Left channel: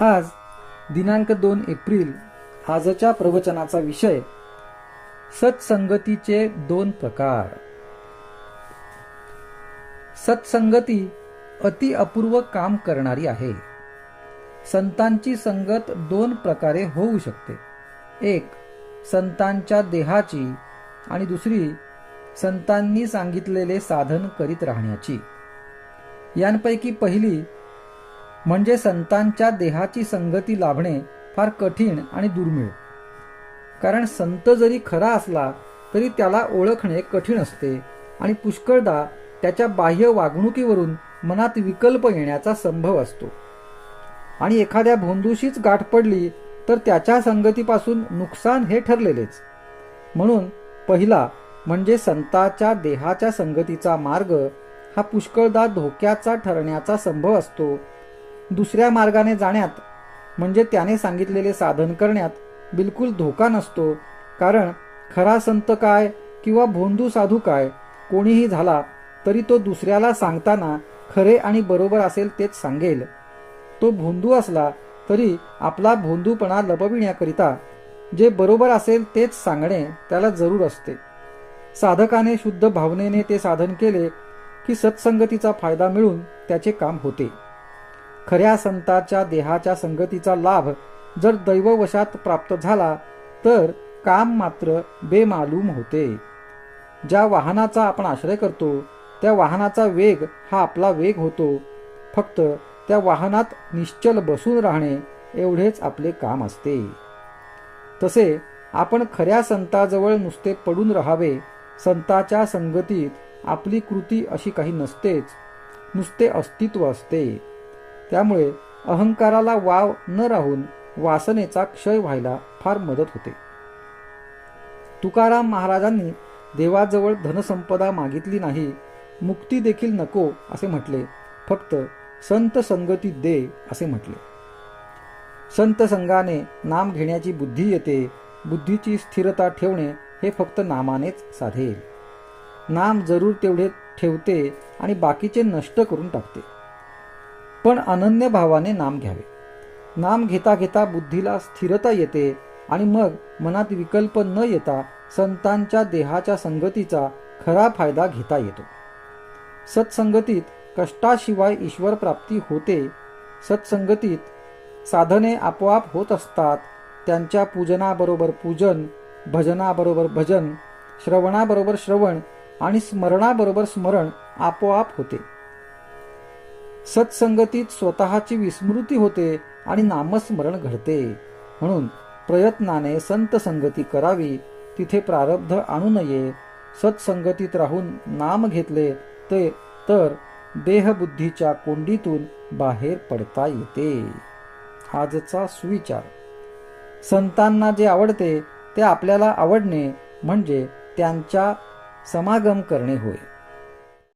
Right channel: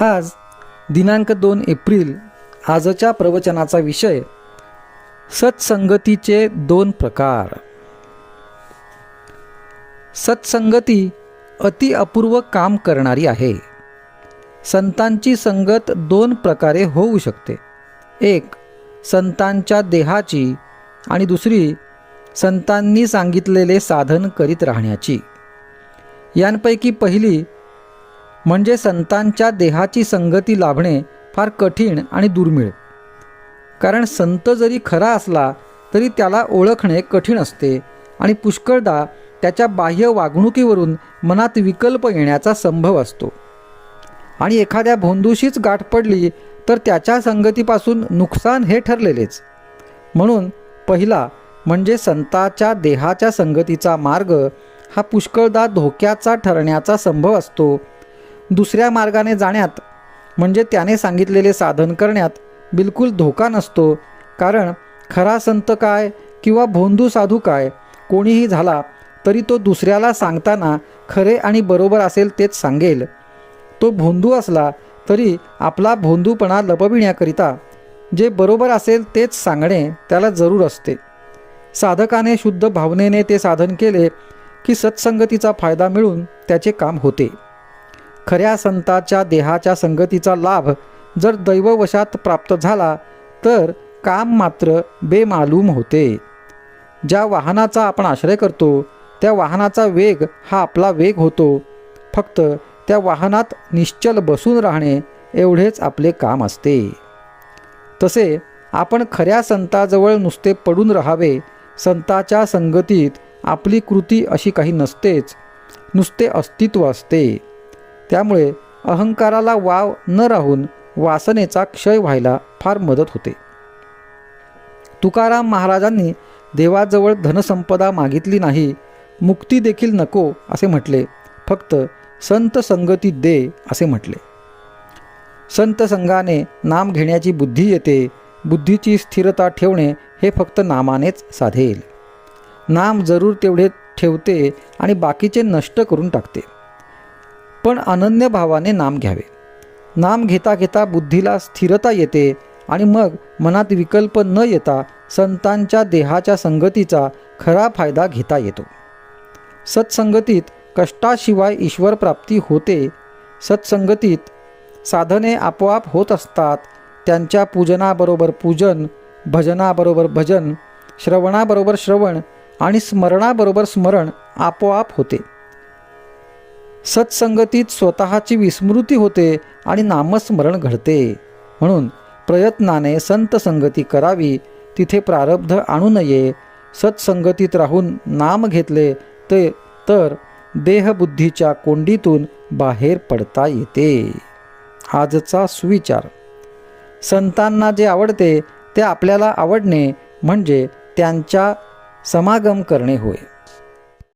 आज दिनांक 2 एप्रिल आजच्या प्रवचनाचा विषय सत्संगतीचे 2 प्रकार. सत्संगती अति अपूर्व काम करणारी आहे. संतांची संगत 2 प्रकारे होऊ शकते. एक संतांच्या देहाची आणि दुसरी संतांनी सांगितलेले साधन करीत राहण्याची. यांपैकी पहिली म्हणजे संतांच्या देहाची संगती लाभणे फार कठीण आणि दुर्मिळ. कारण संत जरी खरा असला तरी त्याला ओळखणे कठीण असते आणि पुष्कळदा त्याच्या बाह्य वागणुकीवरून मनात विकल्प येण्याचा संभव असतो. आणि एखाद्या भोंदूशीच गाठ पडली तर त्याच्या संगतीपासून नुकसान हे ठरलेलेच. म्हणून पहिला म्हणजे संताच्या देहाच्या संगतीचा मार्ग हा पुष्कळदा धोक्याचा ठरण्याचा संभव असतो. दुसऱ्या मार्गाने जाण्यात म्हणजे त्याने सांगितलेले साधन करण्यात बिलकुल धोका नसतो. कारण खरा संत काय किंवा भोंदू साधू काय कोणीही झाला तरी तो दुसऱ्याला सांगताना खरे आणि बरोबर असेल तेच सांगेल. तो भोंदू असला तरी आपला भोंदूपणा लपविण्याकरिता जे बरोबर असेल तेच सांगणे त्याला जरूर असते. साधकाने शुद्ध भावनेने ते साधन केले की सत्संगतीचा फायदा मिळून त्याचे काम होते. खऱ्या संताच्या देहाच्या संगतीचा लाभ जर दैववशात प्राप्त झाला तर काम मात्र बेमालूम होते. ज्या वाहनाचा आपण आश्रय करतो त्या वाहनाचा वेग हा आपला वेग होतो. फक्त त्या वाहनात निश्चल बसून राहणे एवढेच आपले काम असते. तसे आपण खऱ्या संताजवळ नुसते पडून राहावे. संताच्या संगतीत आपली कृती अशी काही नसतेच, नुसते अस्तित्व असते. त्यामुळे अहंकाराला वाव न राहून वासनेचा क्षय व्हायला फार मदत होते. तुकाराम महाराजांनी देवाजवळ धनसंपदा मागितली नाही, मुक्ती देखील नको असे म्हटले, फक्त संत संगती दे असे म्हटले. संत संगाने नाम घेण्याची बुद्धी येते. बुद्धीची स्थिरता ठेवणे हे फक्त नामानेच साधेल. नाम जरूर तेवढे ठेवते आणि बाकीचे नष्ट करून टाकते. पण अनन्य भावाने नाम घ्यावे. नाम घेता घेता बुद्धीला स्थिरता येते आणि मग मनात विकल्प न येता संतांच्या देहाच्या संगतीचा खरा फायदा घेता येतो. सत्संगतीत कष्टाशिवाय ईश्वर प्राप्ती होते. सत्संगतीत साधने आपोआप होत असतात. त्यांच्या पूजनाबरोबर पूजन, भजनाबरोबर भजन, श्रवणाबरोबर श्रवण आणि स्मरणाबरोबर स्मरण आपोआप होते. सत्संगतीत स्वतःची विस्मृती होते आणि नामस्मरण घडते. म्हणून प्रयत्नाने संत संगती करावी. तिथे प्रारब्ध आणू नये. सत्संगतीत राहून नाम घेतले तर देहबुद्धीच्या कोंडीतून बाहेर पडता येते. आजचा सुविचार. संतांना जे आवडते ते आपल्याला आवडणे म्हणजे त्यांच्या समागम करणे होय.